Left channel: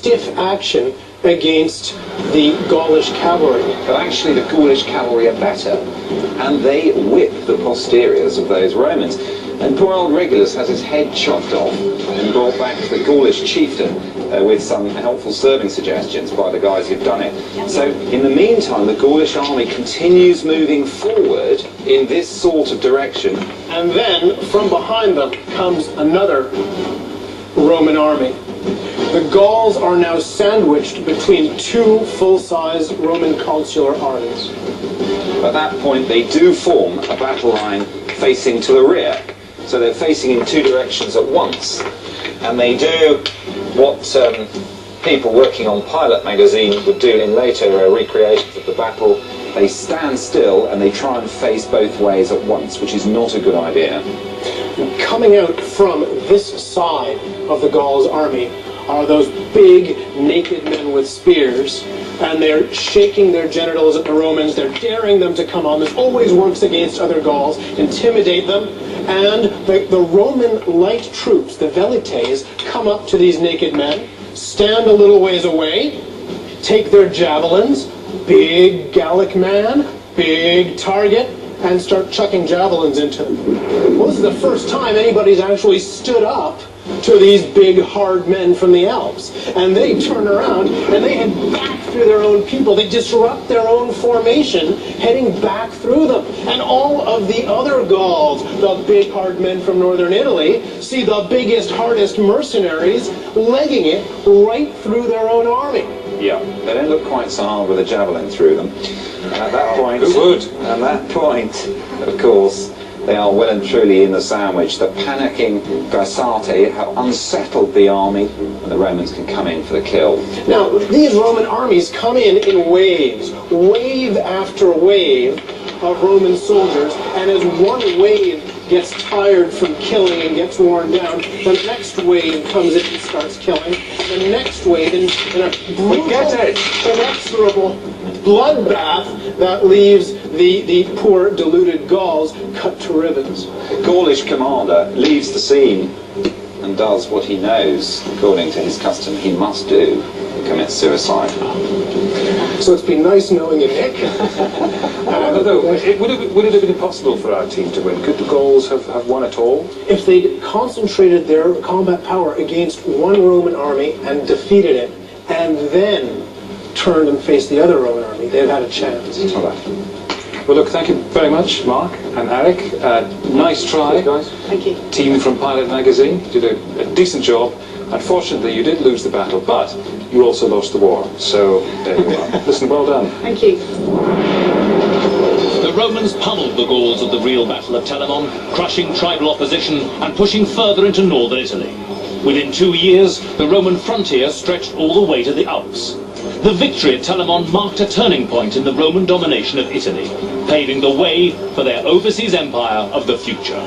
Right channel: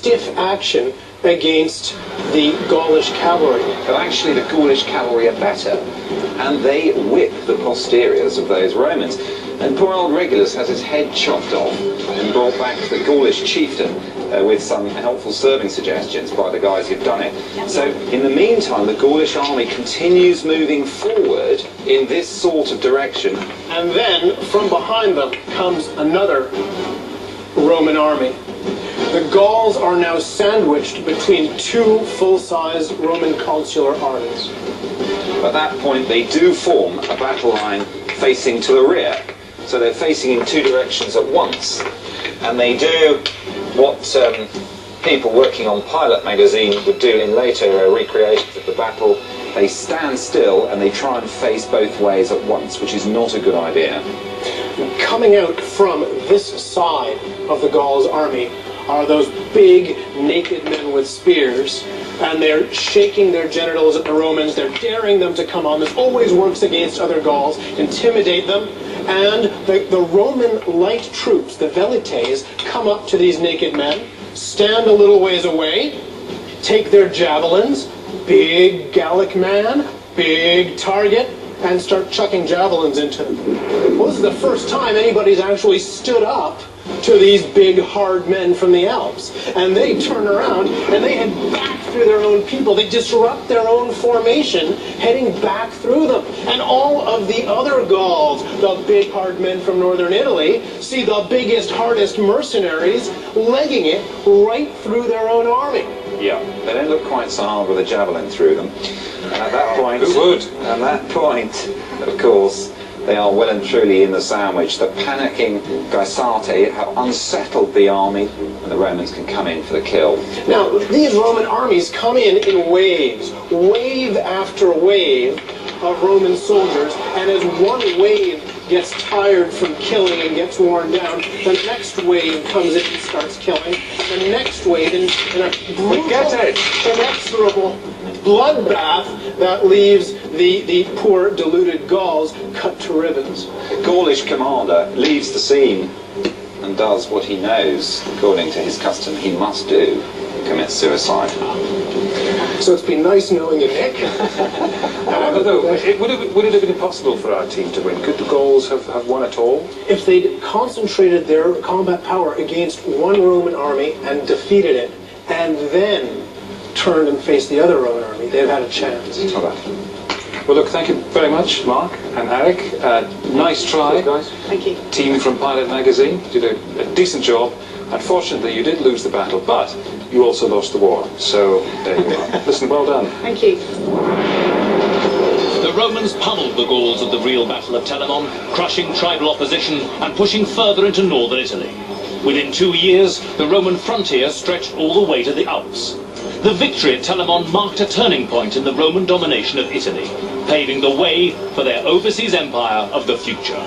stiff action against the Gaulish cavalry. But actually the Gaulish cavalry are better, and they whip the posteriors of those Romans. And poor old Regulus has his head chopped off and brought back to the Gaulish chieftain with some helpful serving suggestions by the guys who've done it. So in the meantime, the Gaulish army continues moving forward in this sort of direction. And then from behind them comes another Roman army. The Gauls are now sandwiched between two full-size Roman consular armies. At that point, they do form a battle line facing to the rear. So they're facing in two directions at once. And they do what people working on Pilot magazine would do in later recreations of the battle. They stand still and they try and face both ways at once, which is not a good idea. Coming out from this side of the Gauls' army are those big, naked men with spears, and they're shaking their genitals at the Romans. They're daring them to come on. This always works against other Gauls, intimidate them, and the Roman light troops, the velites, come up to these naked men, stand a little ways away, take their javelins, big Gallic man, big target, and start chucking javelins into them. Well, this is the first time anybody's actually stood up to these big, hard men from the Alps. And they turn around and they head back through their own people. They disrupt their own formation, heading back through them. And all of the other Gauls, the big, hard men from northern Italy, see the biggest, hardest mercenaries legging it right through their own army. Yeah, they don't look quite so hard with a javelin through them. And at that point, at that point, of course, they are well and truly in the sandwich. The panicking Gaisate have unsettled the army, and the Romans can come in for the kill. Now, these Roman armies come in waves, wave after wave of Roman soldiers, and as one wave gets tired from killing and gets worn down, the next wave comes in and starts killing. The next wave in a brutal, inexorable bloodbath that leaves the poor deluded Gauls cut to ribbons. The Gaulish commander leaves the scene and does what he knows, according to his custom, he must do, commits suicide. So it's been nice knowing you, Nick. Would it have been impossible for our team to win? Could the Gauls have won at all? If they'd concentrated their combat power against one Roman army and defeated it, and then turned and faced the other Roman army, they'd have had a chance. All right. Well, look, thank you very much, Mark and Eric. Nice try, guys. Thank you. Team from Pilot magazine, you did a decent job. Unfortunately, you did lose the battle, but you also lost the war. So there you are. Listen, well done. Thank you. The Romans pummeled the Gauls at the real Battle of Telamon, crushing tribal opposition and pushing further into northern Italy. Within 2 years, the Roman frontier stretched all the way to the Alps. The victory at Telamon marked a turning point in the Roman domination of Italy, paving the way for their overseas empire of the future.